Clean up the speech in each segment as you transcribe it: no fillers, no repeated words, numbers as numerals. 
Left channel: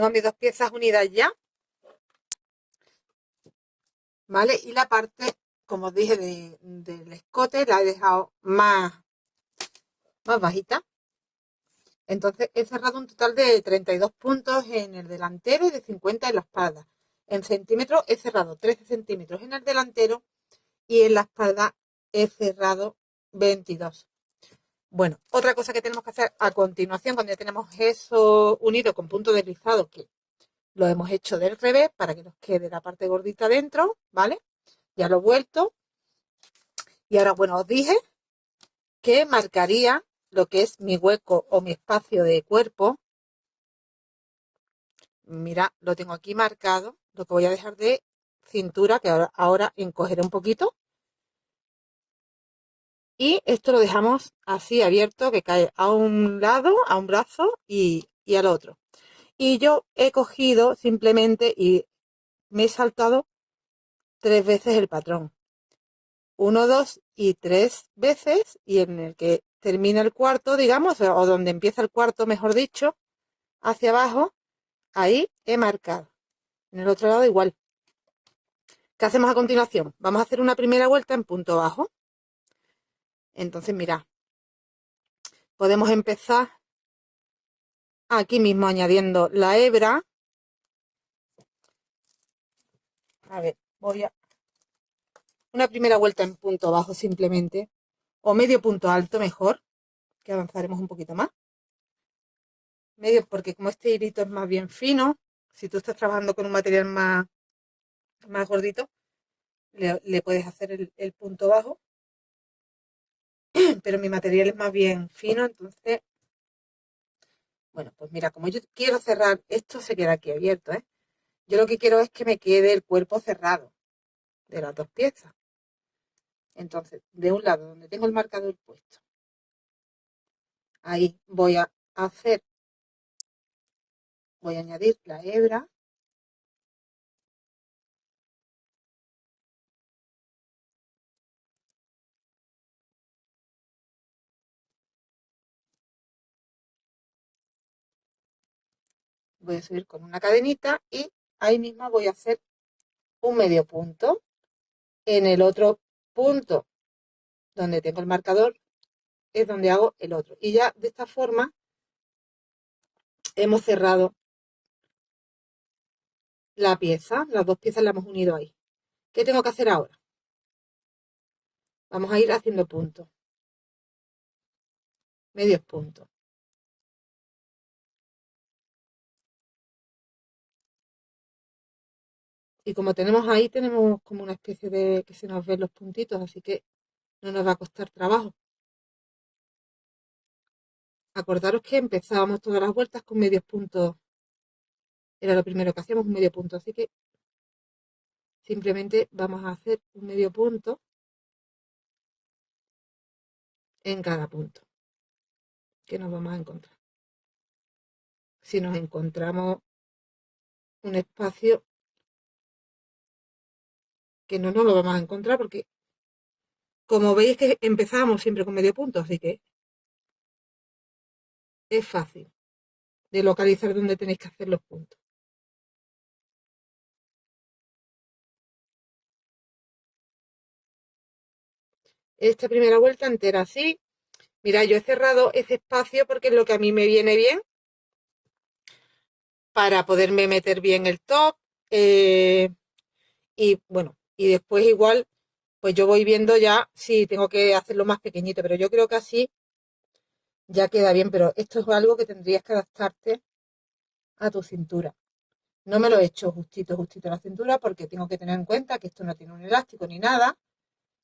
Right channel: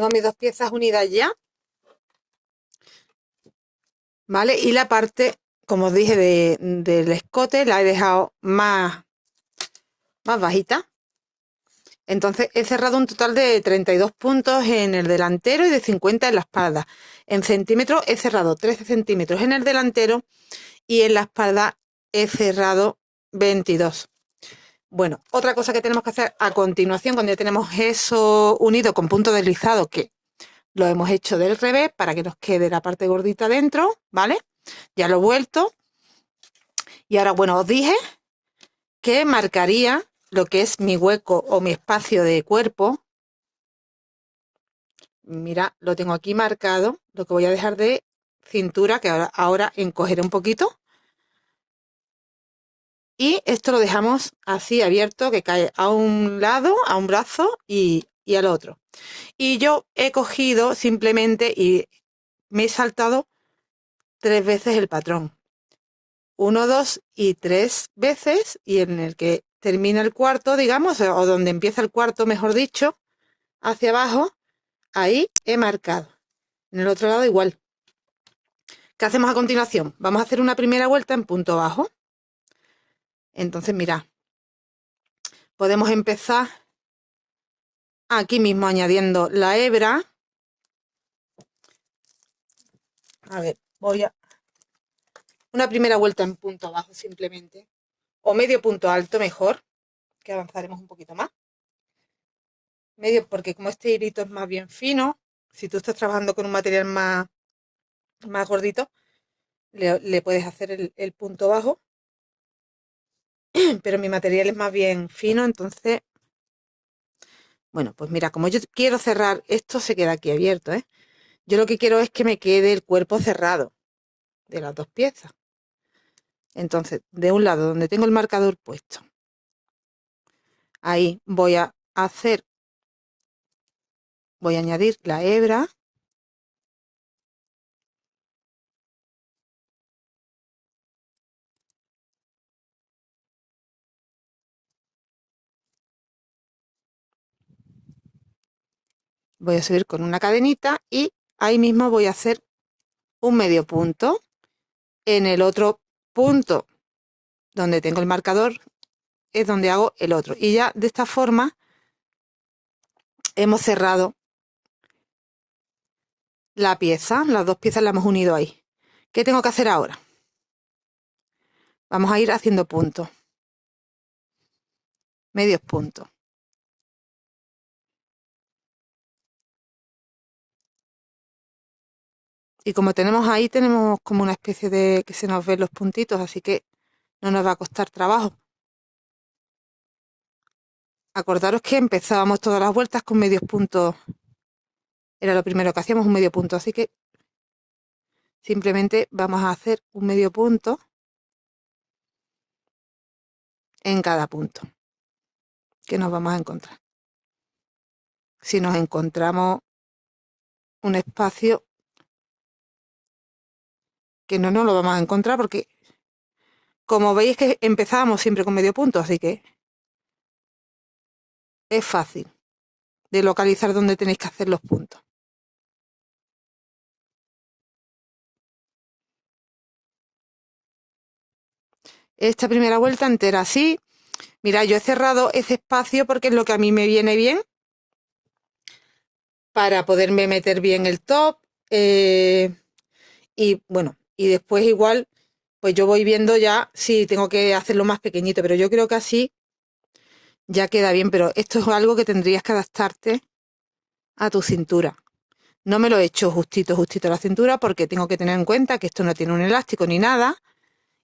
tengo mis dos piezas unidas ya, ¿vale? Y la parte, como os dije, del escote la he dejado más bajita. Entonces he cerrado un total de 32 puntos en el delantero y de 50 en la espalda. En centímetros he cerrado 13 centímetros en el delantero y en la espalda he cerrado 22. Bueno, otra cosa que tenemos que hacer a continuación, cuando ya tenemos eso unido con punto deslizado, que lo hemos hecho del revés para que nos quede la parte gordita dentro, ¿vale? Ya lo he vuelto. Y ahora, bueno, os dije que marcaría lo que es mi hueco o mi espacio de cuerpo. Mira, lo tengo aquí marcado. Lo que voy a dejar de cintura, que ahora encogeré un poquito. Y esto lo dejamos así abierto, que cae a un lado, a un brazo y al otro. Y yo he cogido simplemente y me he saltado 3 veces el patrón. 1, 2 y 3 veces, y en el que termina el cuarto, digamos, o donde empieza el cuarto, mejor dicho, hacia abajo, ahí he marcado. En el otro lado igual. ¿Qué hacemos a continuación? Vamos a hacer una primera vuelta en punto bajo. Entonces, mirad, podemos empezar aquí mismo añadiendo la hebra. A ver, voy a... Una primera vuelta en punto bajo simplemente, o medio punto alto mejor, que avanzaremos un poquito más. Medio, porque como este hilito es más bien fino, si tú estás trabajando con un material más gordito, le puedes hacer el punto bajo, pero mi material es más bien fino, entonces, bueno, pues mira, como yo quiero cerrar, esto se queda aquí abierto, ¿eh? Yo lo que quiero es que me quede el cuerpo cerrado de las dos piezas. Entonces, de un lado donde tengo el marcador puesto, ahí voy a añadir la hebra. Voy a subir con una cadenita y ahí mismo voy a hacer un medio punto. En el otro punto donde tengo el marcador es donde hago el otro. Y ya de esta forma hemos cerrado la pieza. Las dos piezas las hemos unido ahí. ¿Qué tengo que hacer ahora? Vamos a ir haciendo puntos. Medios puntos. Y como tenemos ahí, tenemos como una especie de que se nos ven los puntitos, así que no nos va a costar trabajo. Acordaros que empezábamos todas las vueltas con medios puntos. Era lo primero que hacíamos, un medio punto. Así que simplemente vamos a hacer un medio punto en cada punto que nos vamos a encontrar. Si nos encontramos un espacio que no nos lo vamos a encontrar porque, como veis, que empezábamos siempre con medio punto, así que es fácil de localizar dónde tenéis que hacer los puntos. Esta primera vuelta entera así. Mira, yo he cerrado ese espacio porque es lo que a mí me viene bien para poderme meter bien el top. Y bueno, y después igual, pues yo voy viendo ya si tengo que hacerlo más pequeñito, pero yo creo que así ya queda bien, pero esto es algo que tendrías que adaptarte a tu cintura. No me lo he hecho justito a la cintura porque tengo que tener en cuenta que esto no tiene un elástico ni nada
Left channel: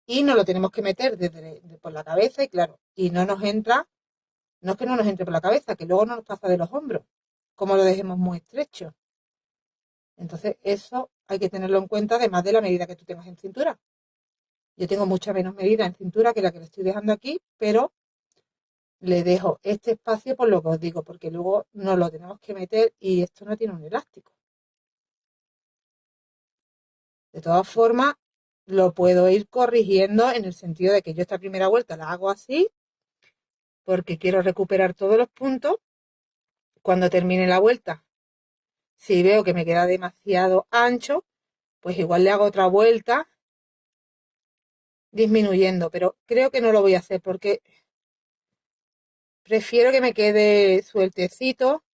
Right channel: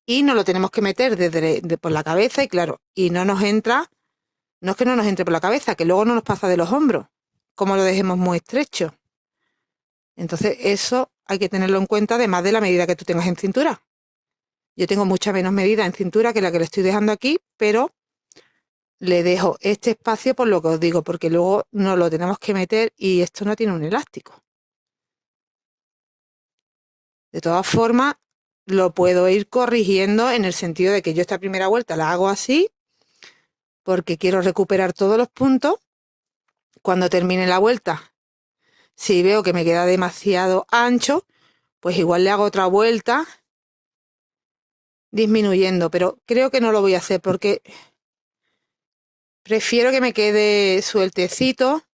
y no lo tenemos que meter por la cabeza y claro, y no nos entra, no es que no nos entre por la cabeza, que luego no nos pasa de los hombros, como lo dejemos muy estrecho. Entonces eso hay que tenerlo en cuenta además de la medida que tú tengas en cintura. Yo tengo mucha menos medida en cintura que la que le estoy dejando aquí, pero le dejo este espacio por lo que os digo, porque luego nos lo tenemos que meter y esto no tiene un elástico. De todas formas, lo puedo ir corrigiendo en el sentido de que yo esta primera vuelta la hago así, porque quiero recuperar todos los puntos. Cuando termine la vuelta, Si veo que me queda demasiado ancho, pues igual le hago otra vuelta disminuyendo, pero creo que no lo voy a hacer porque prefiero que me quede sueltecito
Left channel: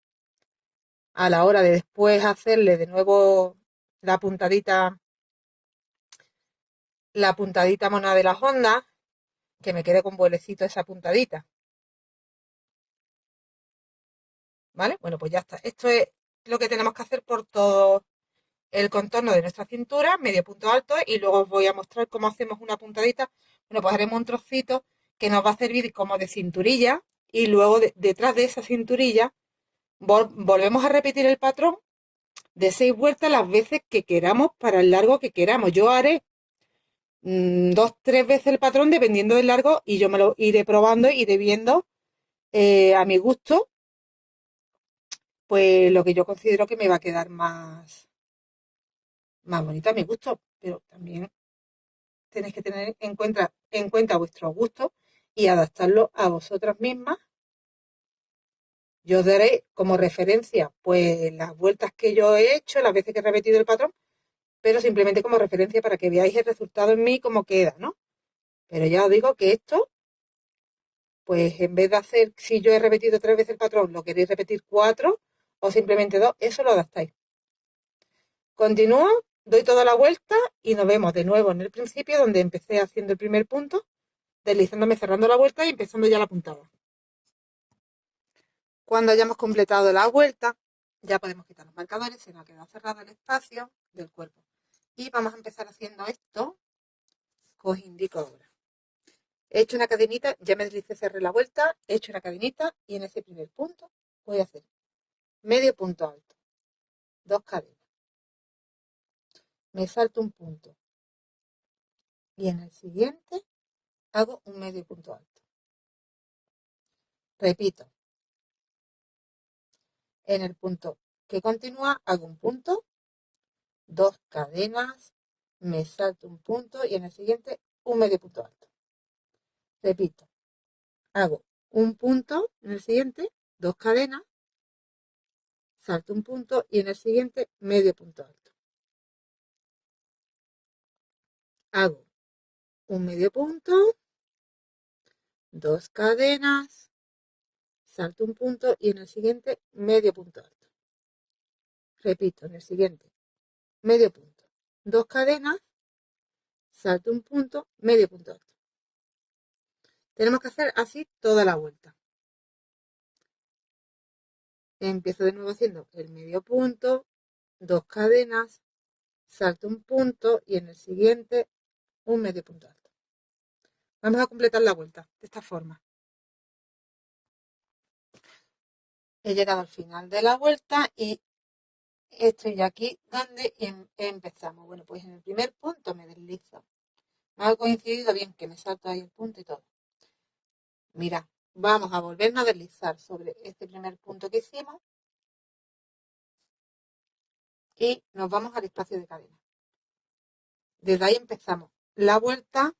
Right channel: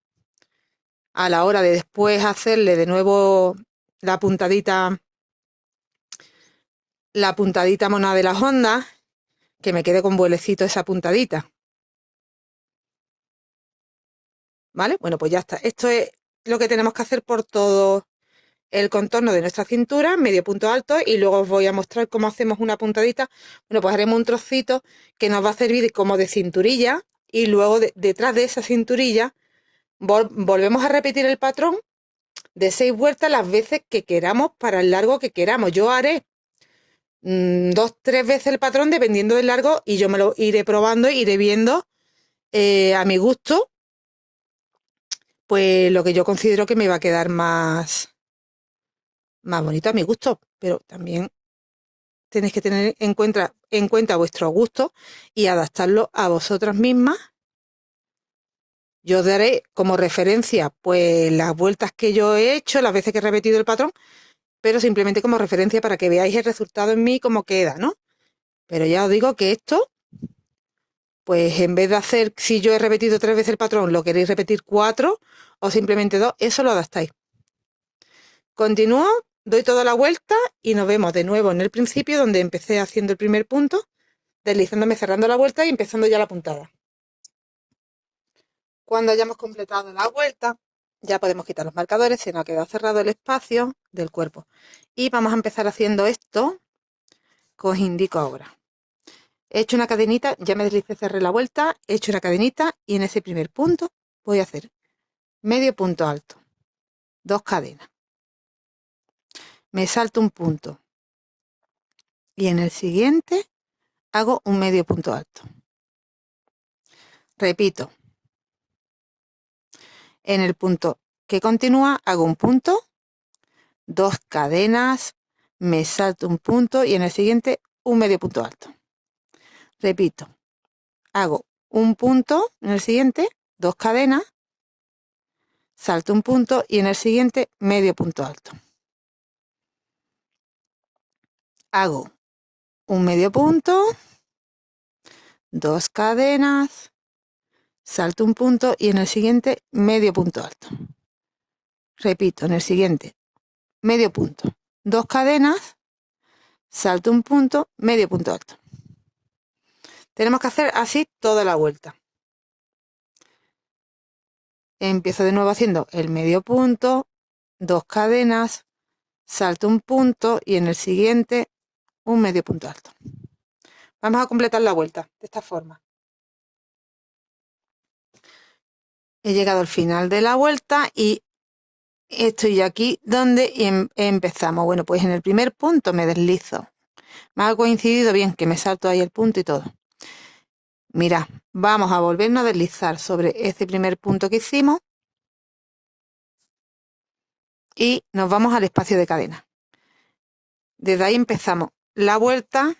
a la hora de después hacerle de nuevo la puntadita mona de las ondas, que me quede con vuelecito esa puntadita. ¿Vale? Bueno, pues ya está. Esto es lo que tenemos que hacer por todo el contorno de nuestra cintura, medio punto alto, y luego os voy a mostrar cómo hacemos una puntadita. Bueno, pues haremos un trocito que nos va a servir como de cinturilla, y luego detrás de esa cinturilla volvemos a repetir el patrón de 6 vueltas las veces que queramos para el largo que queramos. Yo haré 2-3 veces el patrón dependiendo del largo, y yo me lo iré probando, iré viendo a mi gusto, pues lo que yo considero que me va a quedar más bonito a mi gusto, pero también tenéis que tener en cuenta vuestro gusto y adaptarlo a vosotras mismas. Yo os daré como referencia pues las vueltas que yo he hecho, las veces que he repetido el patrón, pero simplemente como referencia para que veáis el resultado en mí cómo queda, ¿no? Pero ya os digo que esto, pues en vez de hacer, si yo he repetido 3 veces el patrón, lo queréis repetir 4 o simplemente 2, eso lo adaptáis. Continúo, doy toda la vuelta y nos vemos de nuevo en el principio donde empecé haciendo el primer punto, deslizándome, cerrando la vuelta y empezando ya la puntada. Cuando hayamos completado la vuelta, ya podemos quitar los marcadores, se nos ha quedado cerrado el espacio del cuerpo. Y vamos a empezar haciendo esto que os indico ahora. He hecho una cadenita, ya me deslicé, cerré la vuelta, he hecho una cadenita y en ese primer punto voy a hacer medio punto alto, 2 cadenas. Me salto un punto y en el siguiente hago un medio punto alto. Repito, en el punto que continúa hago un punto, 2 cadenas, me salto un punto y en el siguiente un medio punto alto. Repito, hago un punto en el siguiente, 2 cadenas, salto un punto y en el siguiente medio punto alto. Hago un medio punto, 2 cadenas, salto un punto y en el siguiente medio punto alto. Repito, en el siguiente medio punto, 2 cadenas, salto un punto, medio punto alto. Tenemos que hacer así toda la vuelta. Empiezo de nuevo haciendo el medio punto, 2 cadenas, salto un punto y en el siguiente un medio punto alto. Vamos a completar la vuelta de esta forma. He llegado al final de la vuelta y estoy aquí donde empezamos. Bueno, pues en el primer punto me deslizo. Me ha coincidido bien que me salto ahí el punto y todo. Mira, vamos a volvernos a deslizar sobre ese primer punto que hicimos y nos vamos al espacio de cadena. Desde ahí empezamos la vuelta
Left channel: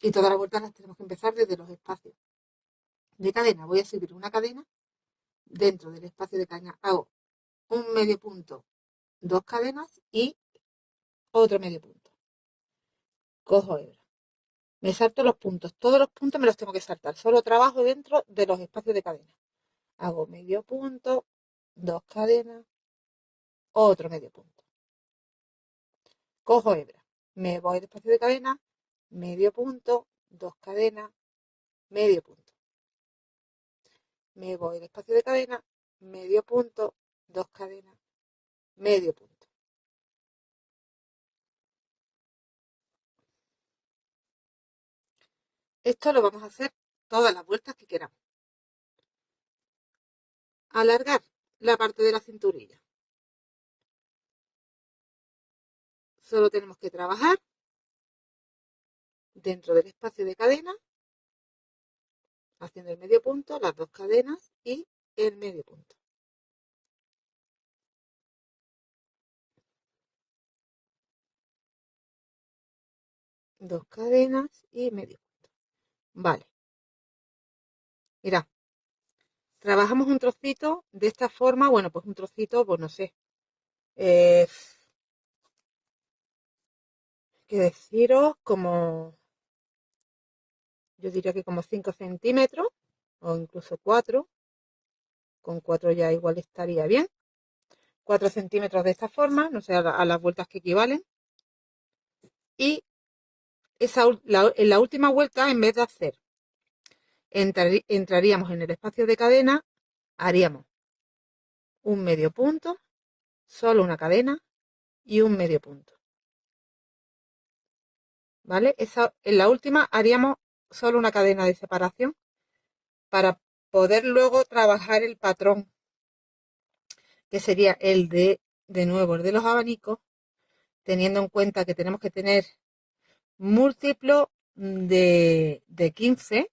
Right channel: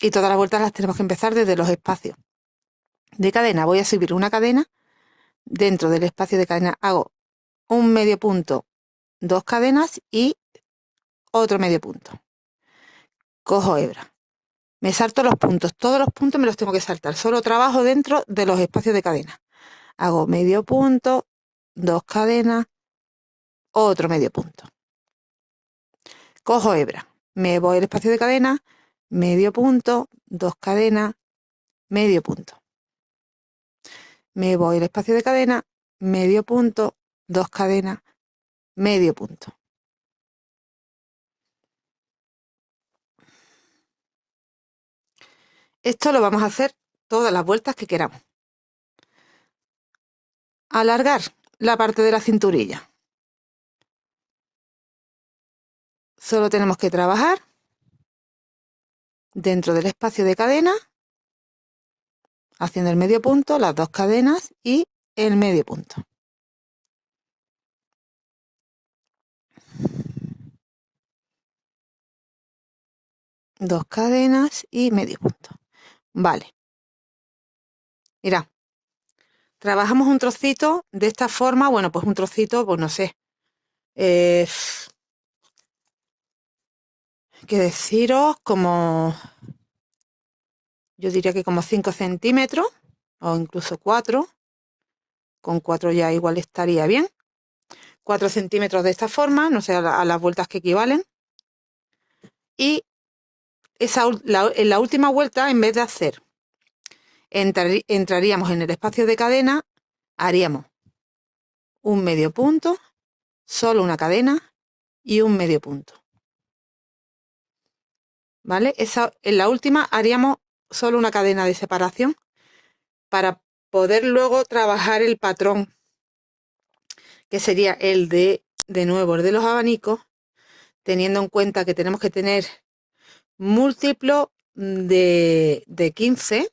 y todas las vueltas las tenemos que empezar desde los espacios de cadena. Voy a subir una cadena, dentro del espacio de cadena hago un medio punto, 2 cadenas y otro medio punto. Cojo hebra, me salto los puntos, todos los puntos me los tengo que saltar, solo trabajo dentro de los espacios de cadena. Hago medio punto, 2 cadenas, otro medio punto. Cojo hebra, me voy al espacio de cadena, medio punto, 2 cadenas, medio punto. Me voy al espacio de cadena, medio punto, 2 cadenas, medio punto. Esto lo vamos a hacer todas las vueltas que queramos. Alargar la parte de la cinturilla. Solo tenemos que trabajar dentro del espacio de cadena, haciendo el medio punto, las 2 cadenas y el medio punto. Dos cadenas y medio punto. Vale. Mira, trabajamos un trocito de esta forma, bueno, pues un trocito, pues no sé, qué deciros, como yo diría que como 5 centímetros o incluso 4. Con 4 ya igual estaría bien. 4 centímetros de esta forma, no sé a las vueltas que equivalen. Y en la última vuelta, en vez de hacer, entraríamos en el espacio de cadena, haríamos un medio punto, solo una cadena y un medio punto. ¿Vale? En la última haríamos solo una cadena de separación para poder luego trabajar el patrón, que sería el de nuevo, el de los abanicos, teniendo en cuenta que tenemos que tener múltiplo de 15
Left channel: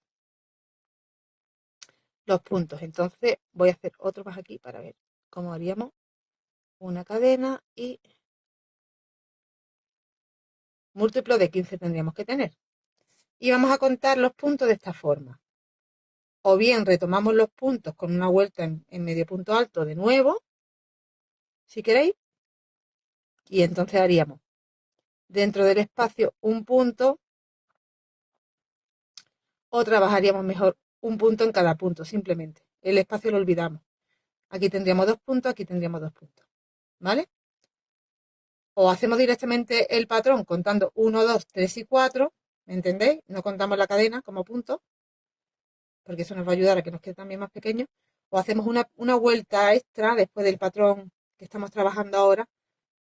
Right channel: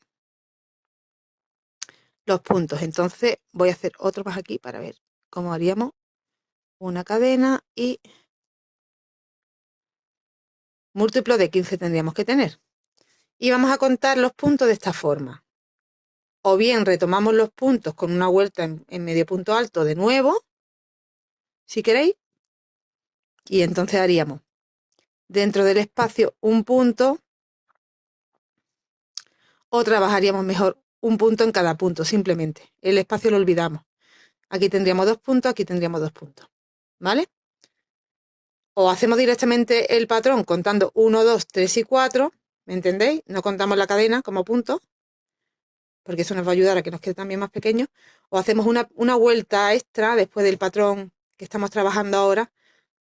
los puntos. Entonces voy a hacer otro más aquí para ver cómo haríamos una cadena y múltiplo de 15 tendríamos que tener. Y vamos a contar los puntos de esta forma. O bien retomamos los puntos con una vuelta en medio punto alto de nuevo, si queréis, y entonces haríamos dentro del espacio un punto, o trabajaríamos mejor un punto en cada punto, simplemente. El espacio lo olvidamos. Aquí tendríamos 2 puntos, aquí tendríamos 2 puntos, ¿vale? O hacemos directamente el patrón contando 1, 2, 3 y 4, ¿me entendéis? No contamos la cadena como punto, porque eso nos va a ayudar a que nos quede también más pequeño. O hacemos una vuelta extra después del patrón que estamos trabajando ahora,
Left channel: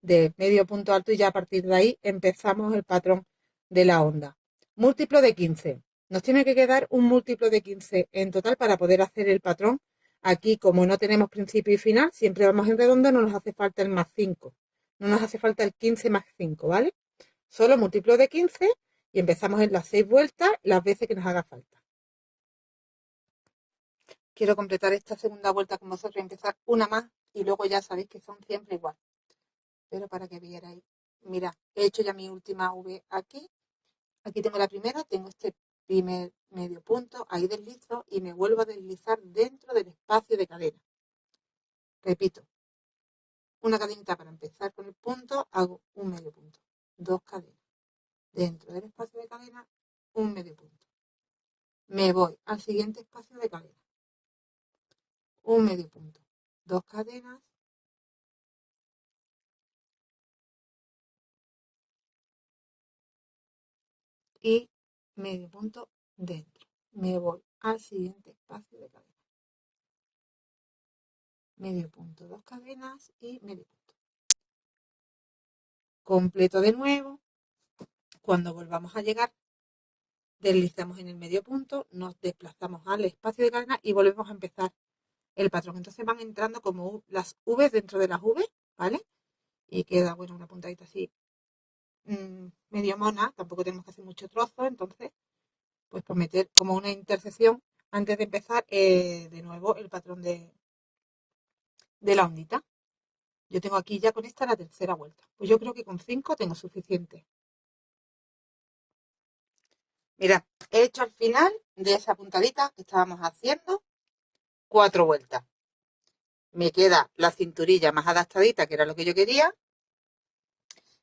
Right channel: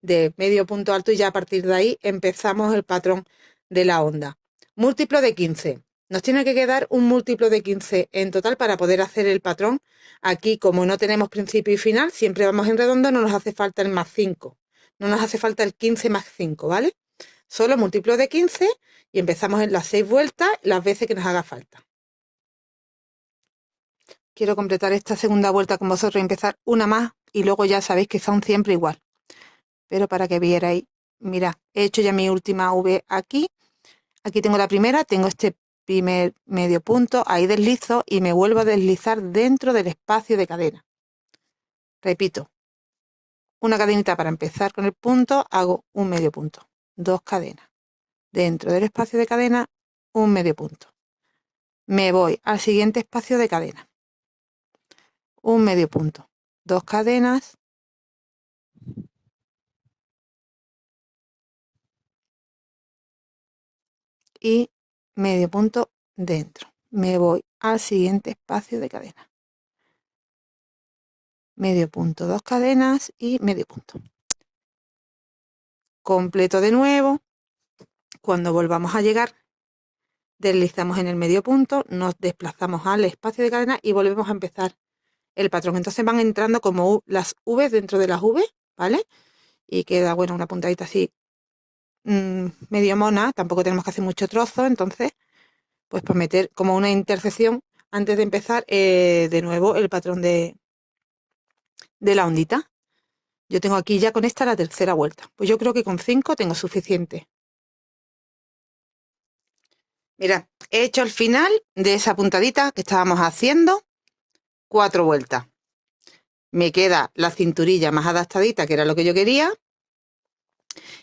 de medio punto alto, y ya a partir de ahí empezamos el patrón de la onda. Múltiplo de 15. Nos tiene que quedar un múltiplo de 15 en total para poder hacer el patrón. Aquí, como no tenemos principio y final, siempre vamos en redondo, no nos hace falta el más 5. No nos hace falta el 15 más 5, ¿vale? Solo múltiplo de 15 y empezamos en las 6 vueltas las veces que nos haga falta. Quiero completar esta segunda vuelta con vosotros y empezar una más, y luego ya sabéis que son siempre igual. Pero para que vierais, mira, he hecho ya mi última V aquí. Aquí tengo la primera, tengo este primer medio punto, ahí deslizo y me vuelvo a deslizar dentro del espacio de cadena. Repito, una cadenita para empezar con el punto, hago un medio punto, 2 cadenas. Dentro del espacio de cadena, un medio punto. Me voy al siguiente espacio de cadena, un medio punto, 2 cadenas, y medio punto dentro. Me voy al siguiente espacio de cadena, medio punto, 2 cadenas y medio punto. Completo de nuevo. Cuando volvamos a llegar, deslizamos en el medio punto, nos desplazamos al espacio de cadena y volvemos a empezar el patrón. Entonces van entrando como las V dentro de las V, ¿vale? Y queda, bueno, una puntadita así medio mona. Tampoco tenemos que hacer mucho trozo, entonces pues para meter como una intersección antes de empezar de nuevo el patrón de la ondita. Yo tengo aquí ya con esta la tercera vuelta. Pues yo creo que con 5 tengo suficiente. Mira, he hecho al final de esa puntadita que estábamos haciendo 4 vueltas. Me queda la cinturilla más adaptadita, que era lo que yo quería.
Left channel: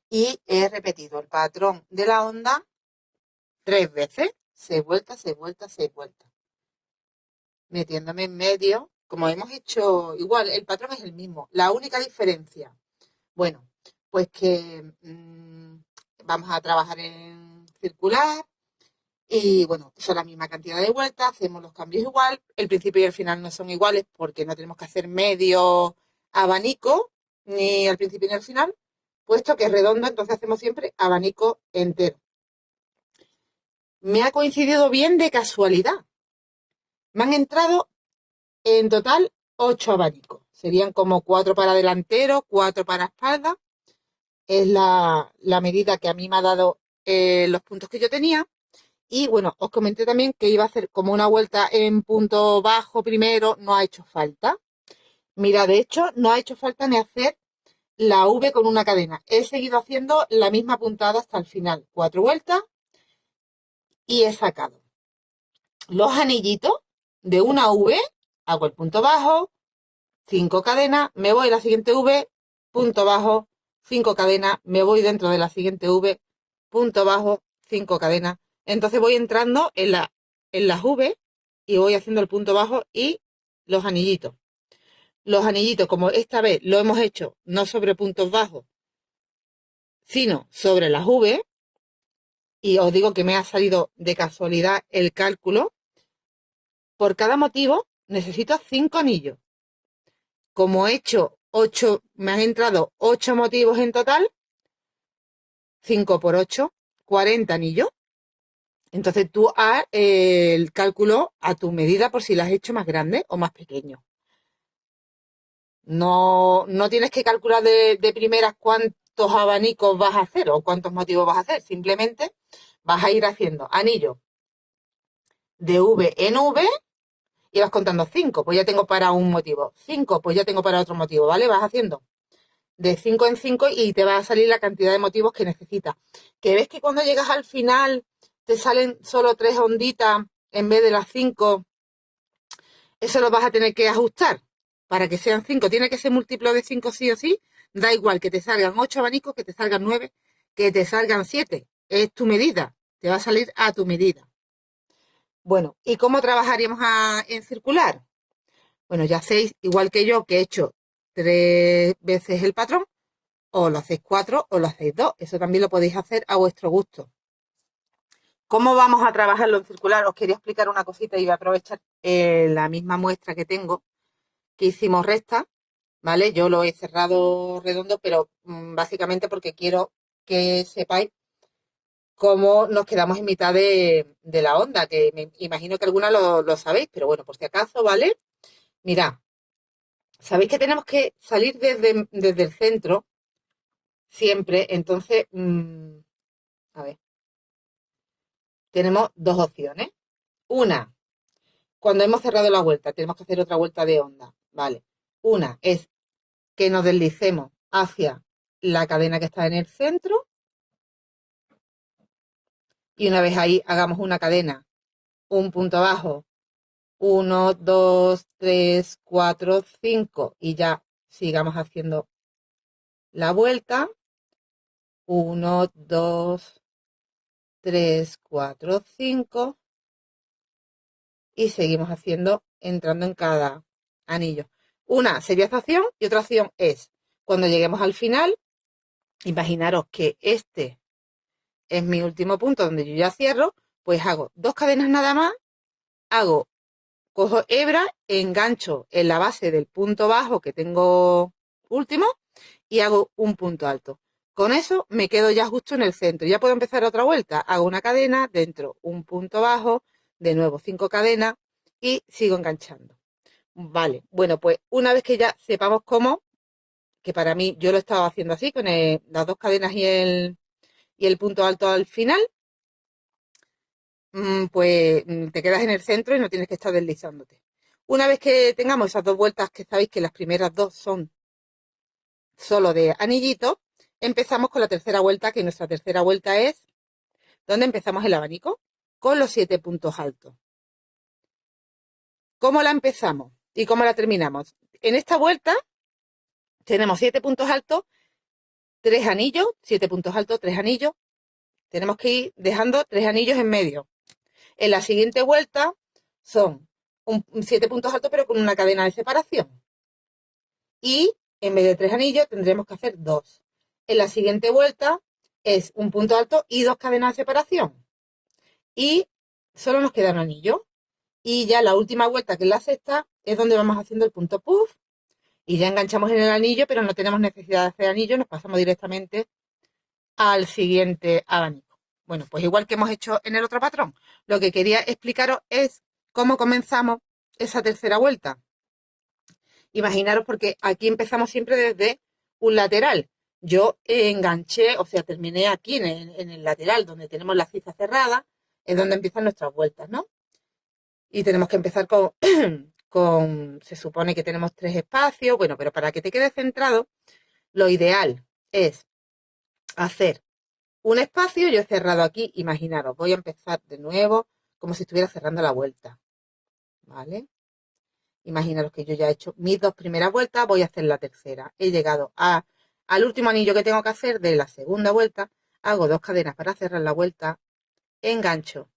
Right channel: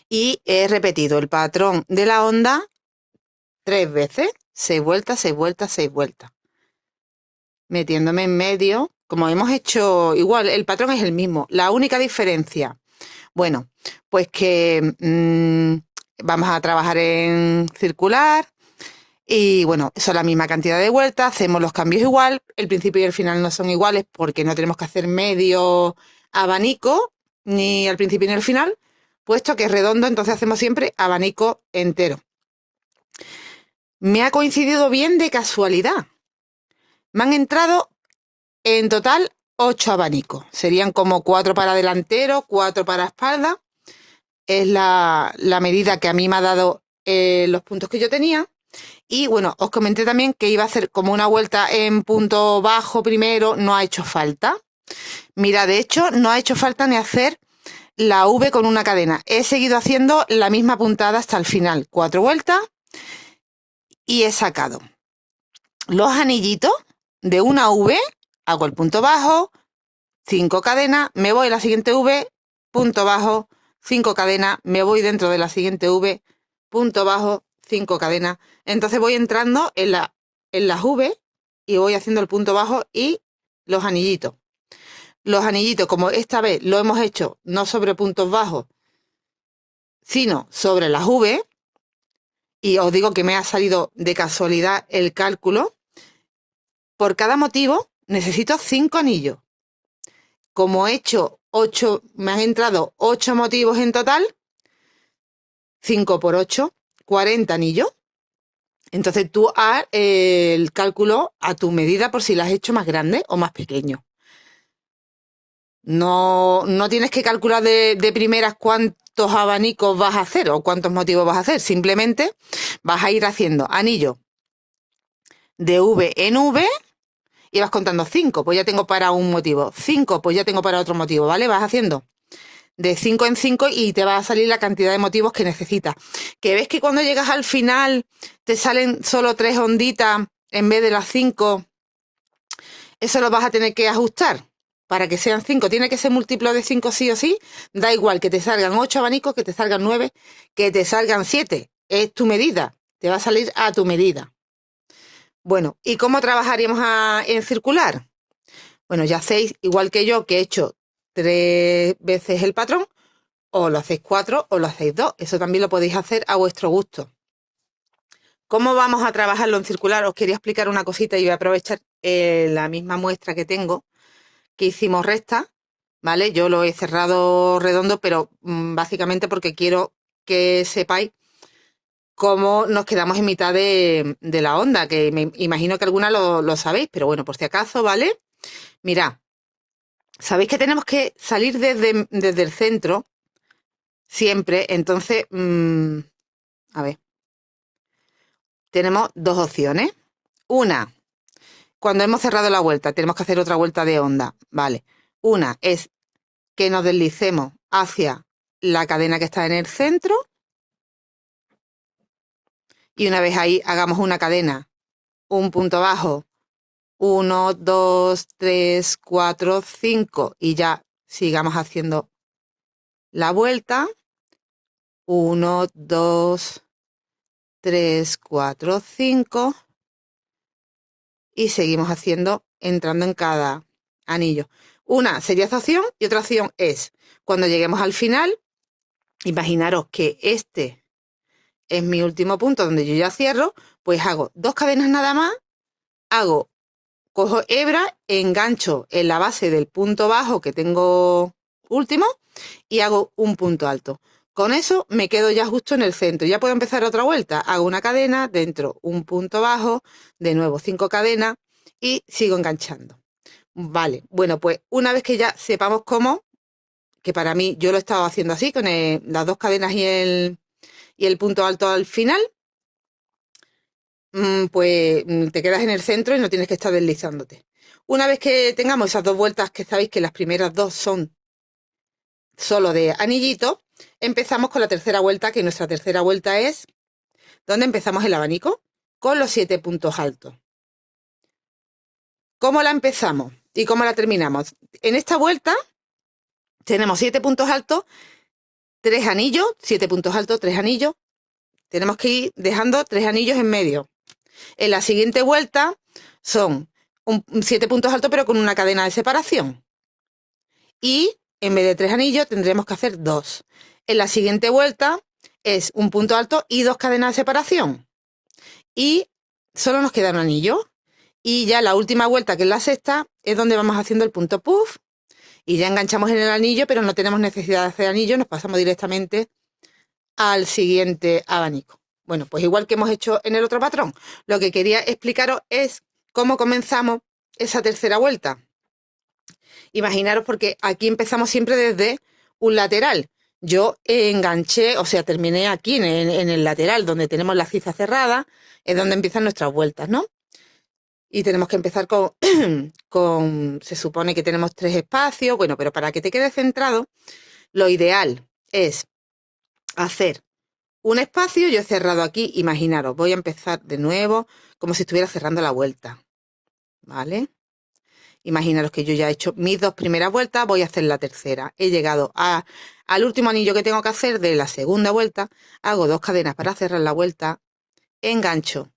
Y he repetido el patrón de la onda 3 veces. 6 vueltas, 6 vueltas, 6 vueltas. Metiéndome en medio. Como hemos hecho igual, el patrón es el mismo. La única diferencia, bueno, pues que vamos a trabajar en circular. Y bueno, son la misma cantidad de vueltas, hacemos los cambios igual, el principio y el final no son iguales porque no tenemos que hacer medio abanico, ni al principio ni al final, puesto que es redondo, entonces hacemos siempre abanico entero. Me ha coincidido bien de casualidad. Me han entrado en total 8 abanicos, serían como 4 para delantero, 4 para espalda. Es la medida que a mí me ha dado los puntos que yo tenía. Y bueno, os comenté también que iba a hacer como una vuelta en punto bajo primero, no ha hecho falta. Mira, de hecho, no ha hecho falta ni hacer la V con una cadena. He seguido haciendo la misma puntada hasta el final, 4 vueltas, y he sacado los anillitos de una V, hago el punto bajo, 5 cadenas, me voy a la siguiente V, punto bajo, 5 cadenas, me voy dentro de la siguiente V, punto bajo, 5 cadenas. Entonces voy entrando en las V y voy haciendo el punto bajo y los anillitos. Los anillitos, como esta vez lo hemos hecho no sobre puntos bajos, sino sobre las V, y os digo que me ha salido de casualidad el cálculo, por cada motivo necesito 5 anillos. Como he hecho 8, me han entrado 8 motivos en total, 5 por 8, 40 anillos. Entonces tú haz el cálculo a tu medida por si lo has hecho más grande o más pequeño. No tienes que calcular de primeras cuántos abanicos vas a hacer o cuántos motivos vas a hacer. Simplemente vas a ir haciendo anillos de V en V y vas contando 5, pues ya tengo para un motivo. 5, pues ya tengo para otro motivo, ¿vale? Vas haciendo de 5 en 5 y te va a salir la cantidad de motivos que necesitas. Que ves que cuando llegas al final te salen solo 3 onditas en vez de las 5, eso lo vas a tener que ajustar para que sean 5. Tiene que ser múltiplo de 5 sí o sí. Da igual que te salgan 8 abanicos, que te salgan 9, que te salgan 7. Es tu medida. Te va a salir a tu medida. Bueno, ¿y cómo trabajaríamos en circular? Bueno, ya hacéis, igual que yo, que he hecho 3 veces el patrón, o lo hacéis 4 o lo hacéis 2. Eso también lo podéis hacer a vuestro gusto. ¿Cómo vamos a trabajarlo en circular? Os quería explicar una cosita y voy a aprovechar la misma muestra que tengo, que hicimos recta, ¿vale? Yo lo he cerrado redondo, pero básicamente porque quiero que sepáis cómo nos quedamos en mitad de la onda, que me imagino que algunas lo sabéis, pero bueno, por si acaso, ¿vale? Mirad, sabéis que tenemos que salir desde el centro siempre, entonces, a ver, tenemos dos opciones. Una, cuando hemos cerrado la vuelta, tenemos que hacer otra vuelta de onda, ¿vale? Una es que nos deslicemos hacia la cadena que está en el centro y una vez ahí hagamos una cadena, un punto bajo, 1, 2, 3, 4, 5 y ya sigamos haciendo la vuelta, 1, 2, 3, 4, 5 y seguimos haciendo, entrando en cada anillo. Una sería esa opción y otra opción es, cuando lleguemos al final, imaginaros que este es mi último punto donde yo ya cierro, pues hago 2 cadenas nada más, cojo hebra, engancho en la base del punto bajo que tengo último y hago un punto alto. Con eso me quedo ya justo en el centro. Ya puedo empezar otra vuelta. Hago una cadena, dentro un punto bajo, de nuevo 5 cadenas y sigo enganchando. Vale, bueno, pues una vez que ya sepamos cómo, que para mí yo lo he estado haciendo así, con las 2 cadenas y el punto alto al final, pues te quedas en el centro y no tienes que estar deslizándote. Una vez que tengamos esas 2 vueltas, que sabéis que las primeras 2 son solo de anillito, empezamos con la tercera vuelta, que nuestra tercera vuelta es donde empezamos el abanico, con los 7 puntos altos. ¿Cómo la empezamos y cómo la terminamos? En esta vuelta tenemos 7 puntos altos, 3 anillos, 7 puntos altos, 3 anillos. Tenemos que ir dejando 3 anillos en medio. En la siguiente vuelta son 7 puntos altos, pero con una cadena de separación. Y en vez de 3 anillos tendremos que hacer 2. En la siguiente vuelta es un punto alto y 2 cadenas de separación. Y solo nos queda un anillo. Y ya la última vuelta, que es la sexta, es donde vamos haciendo el punto puff. Y ya enganchamos en el anillo, pero no tenemos necesidad de hacer anillo, nos pasamos directamente al siguiente abanico. Bueno, pues igual que hemos hecho en el otro patrón, lo que quería explicaros es cómo comenzamos esa tercera vuelta. Imaginaros, porque aquí empezamos siempre desde un lateral. Yo enganché, o sea, terminé aquí en el lateral, donde tenemos la ciza cerrada, es donde empiezan nuestras vueltas, ¿no? Y tenemos que empezar se supone que tenemos 3 espacios, bueno, pero para que te quede centrado, lo ideal es hacer un espacio. Yo he cerrado aquí, imaginaros, voy a empezar de nuevo como si estuviera cerrando la vuelta, ¿vale? Imaginaros que yo ya he hecho mis 2 primeras vueltas, voy a hacer la tercera. He llegado al último anillo que tengo que hacer de la segunda vuelta, hago 2 cadenas para cerrar la vuelta, engancho,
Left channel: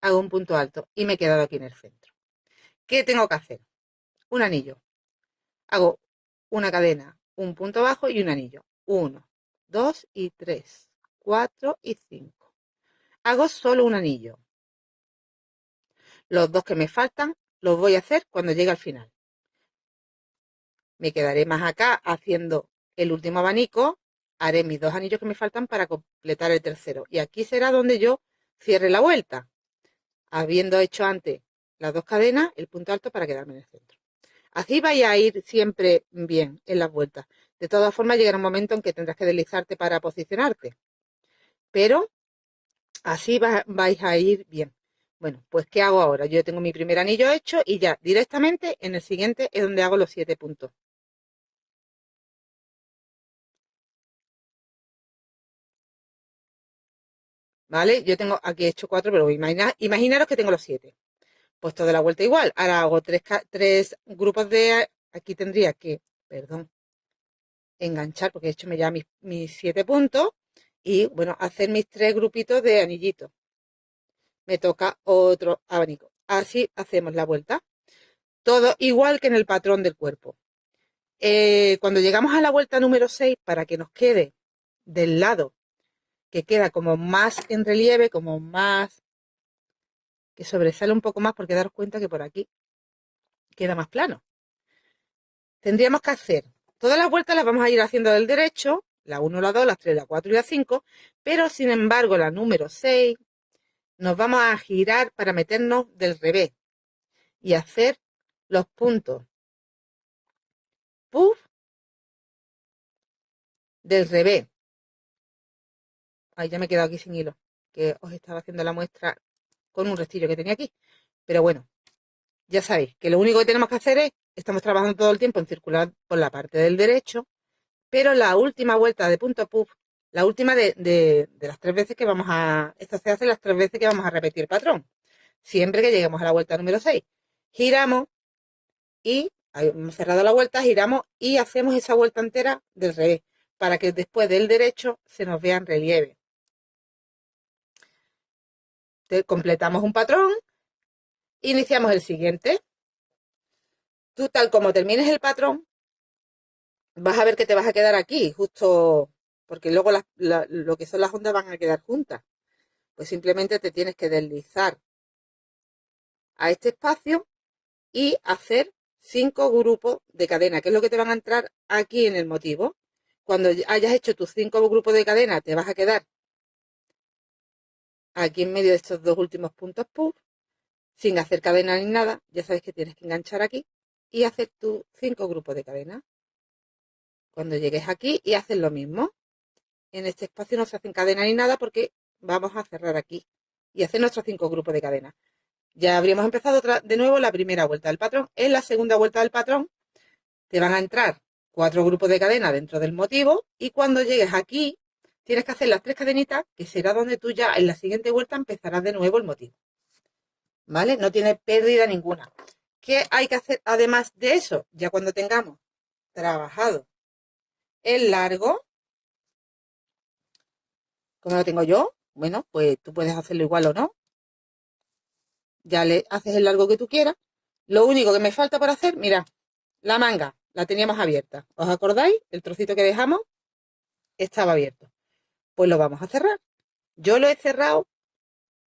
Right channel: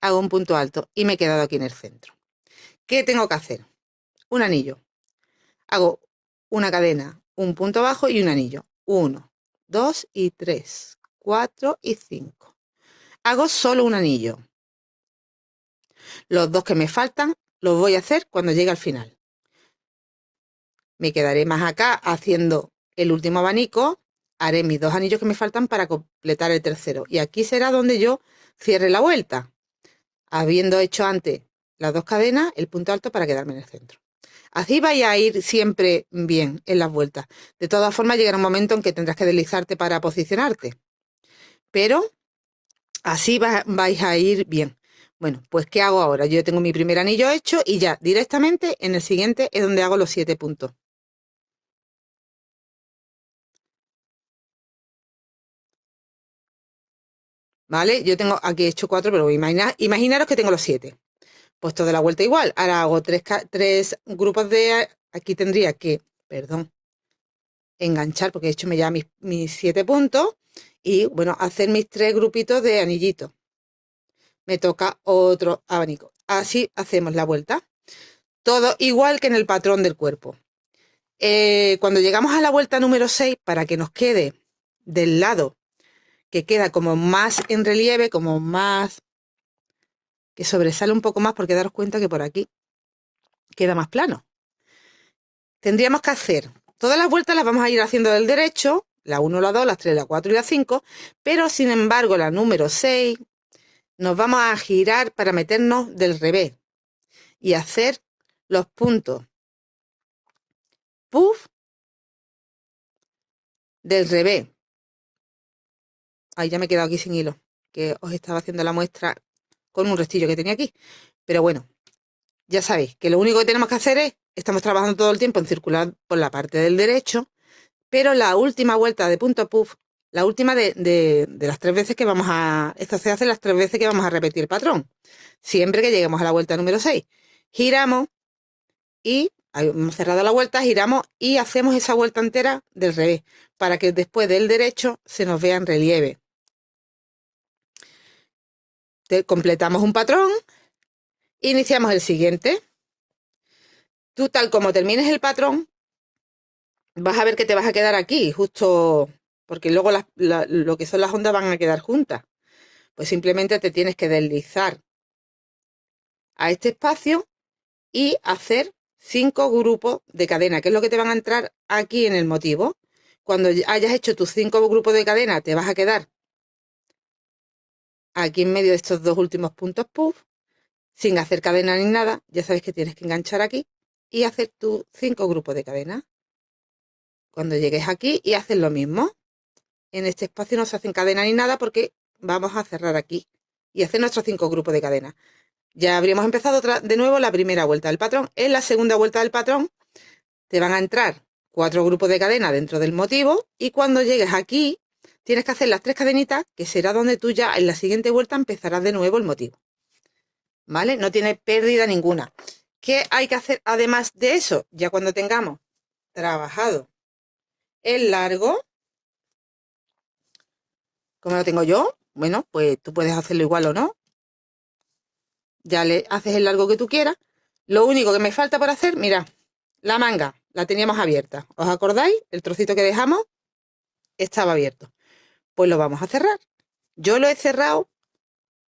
hago un punto alto y me he quedado aquí en el centro. ¿Qué tengo que hacer? Un anillo. Hago una cadena, un punto bajo y un anillo. 1, 2 y 3, 4 y 5. Hago solo un anillo. Los 2 que me faltan los voy a hacer cuando llegue al final. Me quedaré más acá haciendo el último abanico, haré mis 2 anillos que me faltan para completar el tercero. Y aquí será donde yo cierre la vuelta, habiendo hecho antes las 2 cadenas, el punto alto para quedarme en el centro. Así vais a ir siempre bien en las vueltas. De todas formas, llegará un momento en que tendrás que deslizarte para posicionarte. Pero así vais a ir bien. Bueno, pues ¿qué hago ahora? Yo tengo mi primer anillo hecho y ya directamente en el siguiente es donde hago los 7 puntos. ¿Vale? Yo tengo aquí hecho 4, pero imaginaros que tengo los 7. Pues toda la vuelta igual. Ahora hago 3 grupos de... Aquí tendría que, perdón, enganchar, porque he hecho ya mis 7 puntos. Y bueno, hacer mis 3 grupitos de anillitos. Me toca otro abanico. Así hacemos la vuelta. Todo igual que en el patrón del cuerpo. Cuando llegamos a la vuelta número 6, para que nos quede del lado que queda como más en relieve, como más... que sobresale un poco más, porque daros cuenta que por aquí queda más plano. Tendríamos que hacer todas las vueltas, las vamos a ir haciendo del derecho, la 1, la 2, la 3, la 4 y la 5, pero sin embargo la número 6 nos vamos a girar para meternos del revés y hacer los puntos puff del revés. Ahí ya me he quedado aquí sin hilo, que os estaba haciendo la muestra con un restillo que tenía aquí. Pero bueno, ya sabéis que lo único que tenemos que hacer es, estamos trabajando todo el tiempo en circular por la parte del derecho, pero la última vuelta de punto puff, la última de las 3 veces que vamos a... Esto se hace las 3 veces que vamos a repetir el patrón. Siempre que lleguemos a la vuelta número 6. Giramos y hemos cerrado la vuelta, giramos y hacemos esa vuelta entera del revés, para que después del derecho se nos vea en relieve. Completamos un patrón, iniciamos el siguiente. Tú, tal como termines el patrón, vas a ver que te vas a quedar aquí, justo porque luego lo que son las ondas van a quedar juntas. Pues simplemente te tienes que deslizar a este espacio y hacer 5 grupos de cadena, que es lo que te van a entrar aquí en el motivo. Cuando hayas hecho tus 5 grupos de cadena, te vas a quedar aquí en medio de estos 2 últimos puntos puff, sin hacer cadena ni nada. Ya sabes que tienes que enganchar aquí y hacer tus 5 grupos de cadena. Cuando llegues aquí y haces lo mismo. En este espacio no se hacen cadena ni nada porque vamos a cerrar aquí y hacer nuestros 5 grupos de cadena. Ya habríamos empezado de nuevo la primera vuelta del patrón. En la segunda vuelta del patrón te van a entrar 4 grupos de cadena dentro del motivo y cuando llegues aquí tienes que hacer las 3 cadenitas, que será donde tú ya en la siguiente vuelta empezarás de nuevo el motivo. ¿Vale? No tiene pérdida ninguna. ¿Qué hay que hacer además de eso? Ya cuando tengamos trabajado el largo, como lo tengo yo, bueno, pues tú puedes hacerlo igual o no. Ya le haces el largo que tú quieras. Lo único que me falta por hacer, mira, la manga la teníamos abierta. ¿Os acordáis? El trocito que dejamos estaba abierto. Pues lo vamos a cerrar. Yo lo he cerrado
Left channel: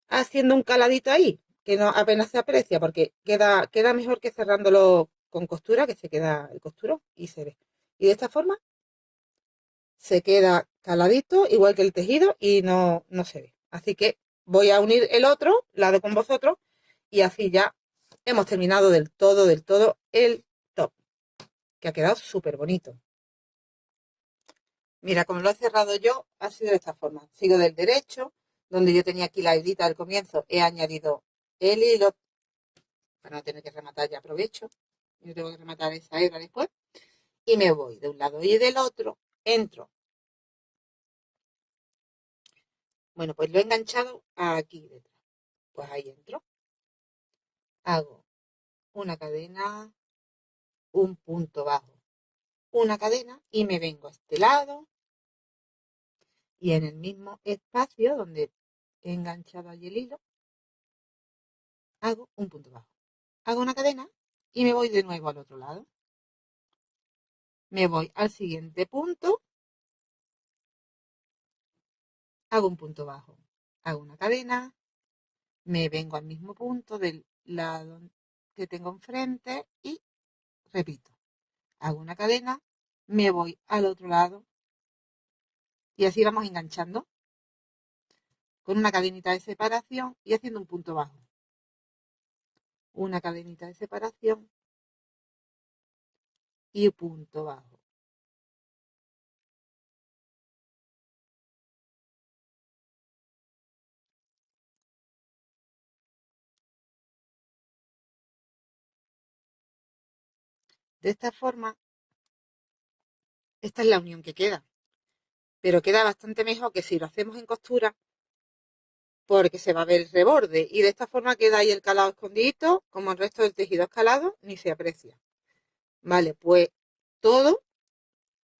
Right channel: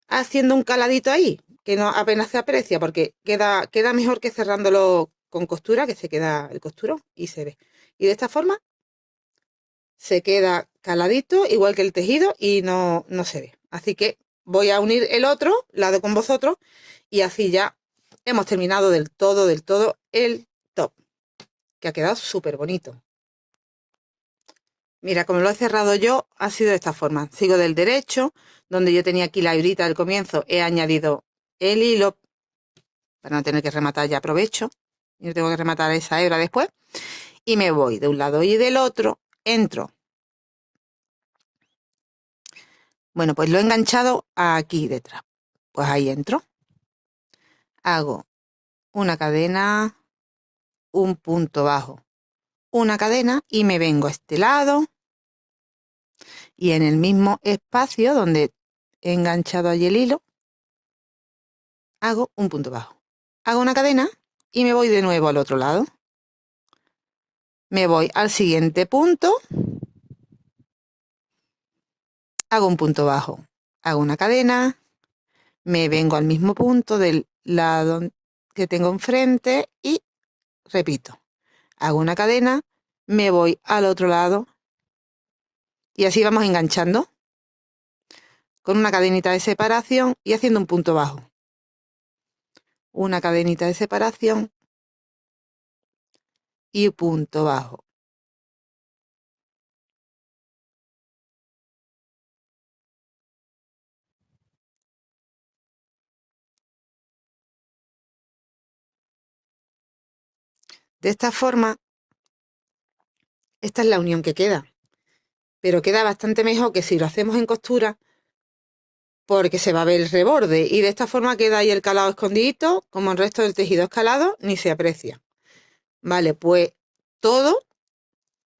haciendo un caladito ahí, que no apenas se aprecia, porque queda mejor que cerrándolo con costura, que se queda el costurón y se ve. Y de esta forma se queda caladito, igual que el tejido, y no se ve. Así que voy a unir el otro lado con vosotros y así ya hemos terminado del todo el top, que ha quedado súper bonito. Mira, como lo he cerrado yo, ha sido de esta forma. Sigo del derecho, donde yo tenía aquí la hebrita al comienzo, he añadido el hilo para no tener que rematar, ya aprovecho. Yo tengo que rematar esa hebra después. Y me voy de un lado y del otro, entro. Bueno, pues lo he enganchado aquí detrás. Pues ahí entro. Hago una cadena, un punto bajo, una cadena y me vengo a este lado y en el mismo espacio donde he enganchado allí el hilo, hago un punto bajo. Hago una cadena y me voy de nuevo al otro lado. Me voy al siguiente punto, hago un punto bajo, hago una cadena, me vengo al mismo punto del lado que tengo enfrente y repito. Hago una cadena, me voy al otro lado y así vamos enganchando con una cadenita de separación y haciendo un punto bajo. Una cadenita de separación y punto bajo. De esta forma, esta es la unión que queda, pero queda bastante mejor que si lo hacemos en costura porque se va a ver el reborde y de esta forma queda ahí el calado escondidito, como el resto del tejido escalado, ni se aprecia. Vale, pues todo,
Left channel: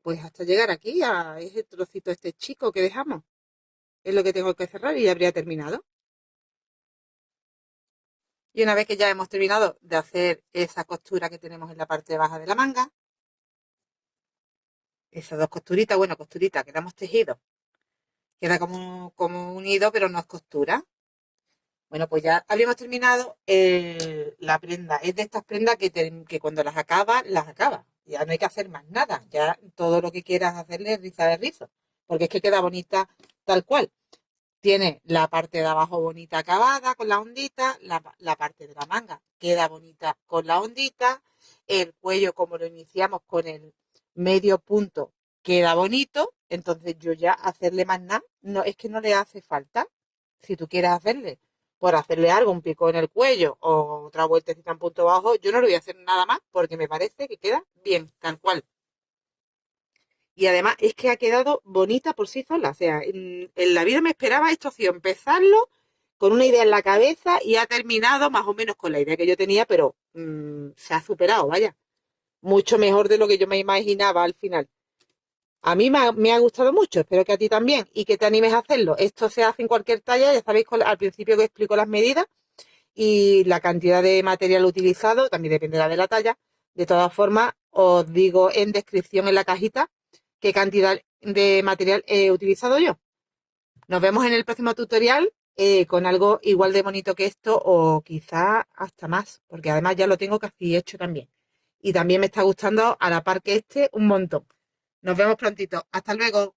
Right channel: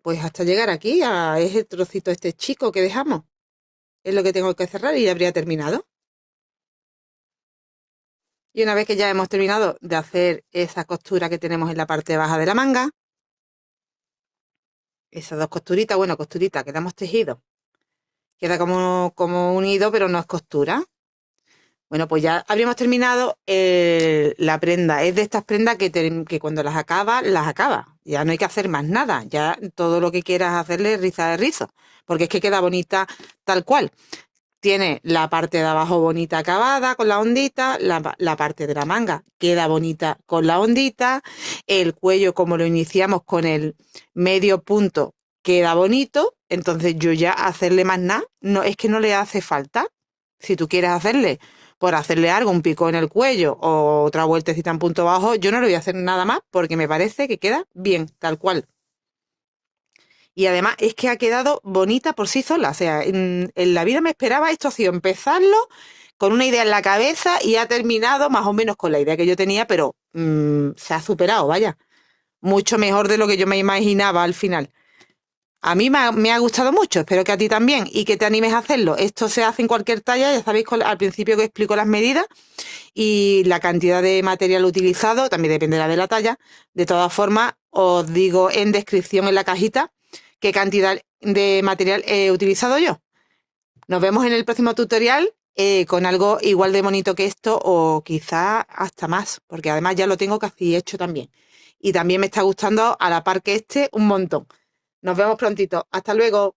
pues hasta llegar aquí a ese trocito este chico que dejamos. Es lo que tengo que cerrar y ya habría terminado. Y una vez que ya hemos terminado de hacer esa costura que tenemos en la parte baja de la manga, esas dos costuritas, bueno, costuritas que damos tejido, queda como unido, pero no es costura. Bueno, pues ya habríamos terminado la prenda. Es de estas prendas que cuando las acabas, las acabas. Ya no hay que hacer más nada. Ya todo lo que quieras hacerle es rizar de rizo. Porque es que queda bonita tal cual. Tiene la parte de abajo bonita acabada con la ondita, la parte de la manga queda bonita con la ondita, el cuello como lo iniciamos con el medio punto queda bonito, entonces yo ya hacerle más nada, no, es que no le hace falta. Si tú quieres hacerle, por hacerle algo, un pico en el cuello o otra vueltecita en punto bajo, yo no le voy a hacer nada más porque me parece que queda bien, tal cual. Y además es que ha quedado bonita por sí sola. O sea, en la vida me esperaba esto, ha sido empezarlo con una idea en la cabeza y ha terminado más o menos con la idea que yo tenía, pero se ha superado, vaya. Mucho mejor de lo que yo me imaginaba al final. A mí me ha gustado mucho, espero que a ti también y que te animes a hacerlo. Esto se hace en cualquier talla, ya sabéis al principio que explico las medidas y la cantidad de material utilizado, también dependerá de la talla. De todas formas, os digo en descripción en la cajita qué cantidad de material he utilizado yo. Nos vemos en el próximo tutorial con algo igual de bonito que esto o quizá hasta más, porque además ya lo tengo casi hecho también. Y también me está gustando a la par que este un montón. Nos vemos prontito. Hasta luego.